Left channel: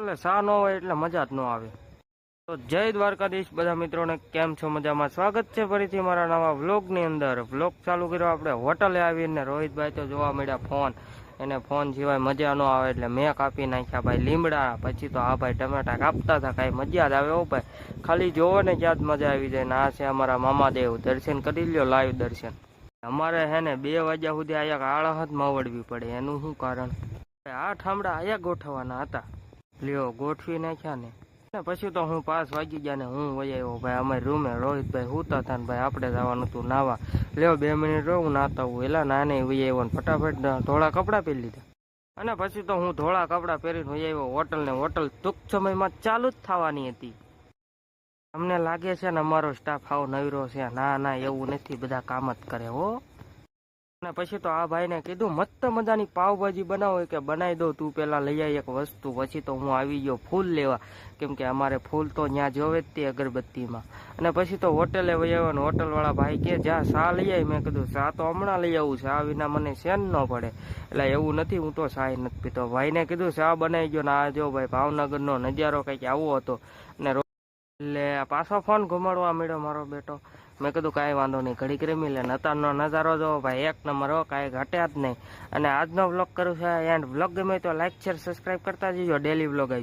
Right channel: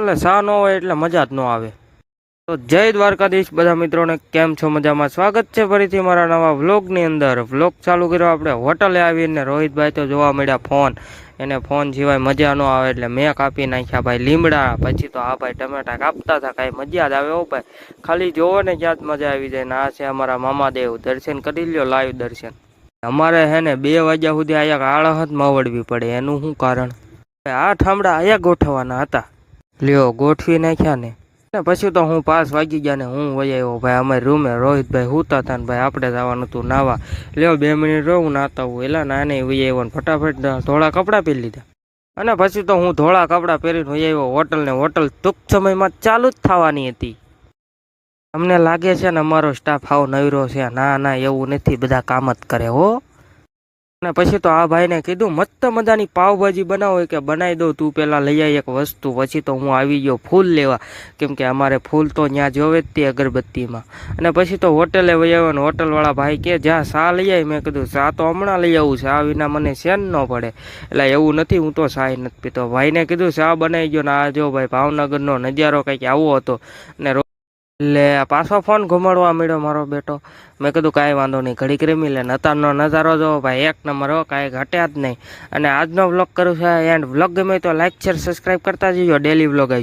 એટલે સા ન હોય એટલે મજા જ ન આવે. તો જય દ્વારકાધીશ બધા મિત્રોને, કેમ છો? મજામાં? સ્વાગત છે ફરીથી મારા નવા વ્લોગની અંદર. વ્લોગ ચાલુ કર્યો આપણે હોટલે આવીને. રોહિતભાઈ તો જોવા મળ્યા ફોન, એને ફોન સિવાય મજા ન આવે એટલે મેં કાપી નાખ્યા ભાઈ લીમડા. પછી તો આ ભાઈ ટમેટા કાપતા હતા, કાંઈ મજા જ આવે હો ભાઈ. ખાલી જોવો ને ક્યાં જ મજા આવી જાય. ને આ છે અમારા મામાદેવ, દર્શન કરી લ્યો, લાઈવ દર્શન. અમારે હે ને 2 વાગ્યા સુધી અહીંયા આળહત માવડવી પડે. એનું શું કારણ? આ ઠામડા અહીંયા ગોઠવવાના હતા, લ્યો ગોઠવી નાખ્યા ને. પછી તો હું 5 વાગી ગયા ને હું વહી આવ્યો ભાઈ અમારી રૂમે. રોહિતભાઈ હુતા હતા ને ભાઈ આપણે જવાનું હતું નાવા. લ્યો 2 મિનિટ રહું નાતા હું એલા નાને વહી આવ્યો ને ફટાફટ ધોળા કપડાં પહેરી લીધા. અને પછી તો હું ધોળા કપડાં પહેરીને વહી આવ્યો હોટલ ને. હોટલ ટૂંક સમયમાં ચાલુ જ થવાની હતી. અમને લાગે છે ને અમારો સ્ટાફ હાવ નવરો છે? ના ના, એવું નથી, બધા કામ જ કરે હો. અને પછી તો આ ભાઈને કીધું મસ્ત મજાની પાવભાજી બનાવો કે બનાવી દઉં, તું પેલા લઈ આવી એક વસ્તુ. પછી તો હું આવી ગયો ફૂલ લેવા, કેમ કે અમારે ફૂલ તો ત્યાં જોવે જ તે અગરબત્તીમાં. અને પછી તો હોટેલે વહી આવ્યો ને હોટલવાળા ભાઈ કે જા સા લઈ આવી. મેં કીધું સા તો હમણાં લઈ આવું, સા વિના મને સેન ન પડે. એટલે એવું નથી, હું તો સા નથી પીતો. ભાઈને કીધું સા બનાવી ગયો ને આ જો ભાઈ ભાવનગરનો નજારો કંઈક આવો હતો. ને એટલે પાછો ફોન ઘુમાડવા મળ્યો મારો બેટો. મેં કીધું કાંઈ વાંધો નહીં, ઘડીક રમી લે. અત્યારનો નજારો જો ભાઈ એક નંબર હો, કાંઈ ઘટ્યા જ નહીં. અને આજનો વ્લોગ કરું છે એન્ડ. વ્લોગ ગમે તો લાઈક શેર સબસ્ક્રાઈબ કરતા જજો. ડેલી વ્લોગ આવી.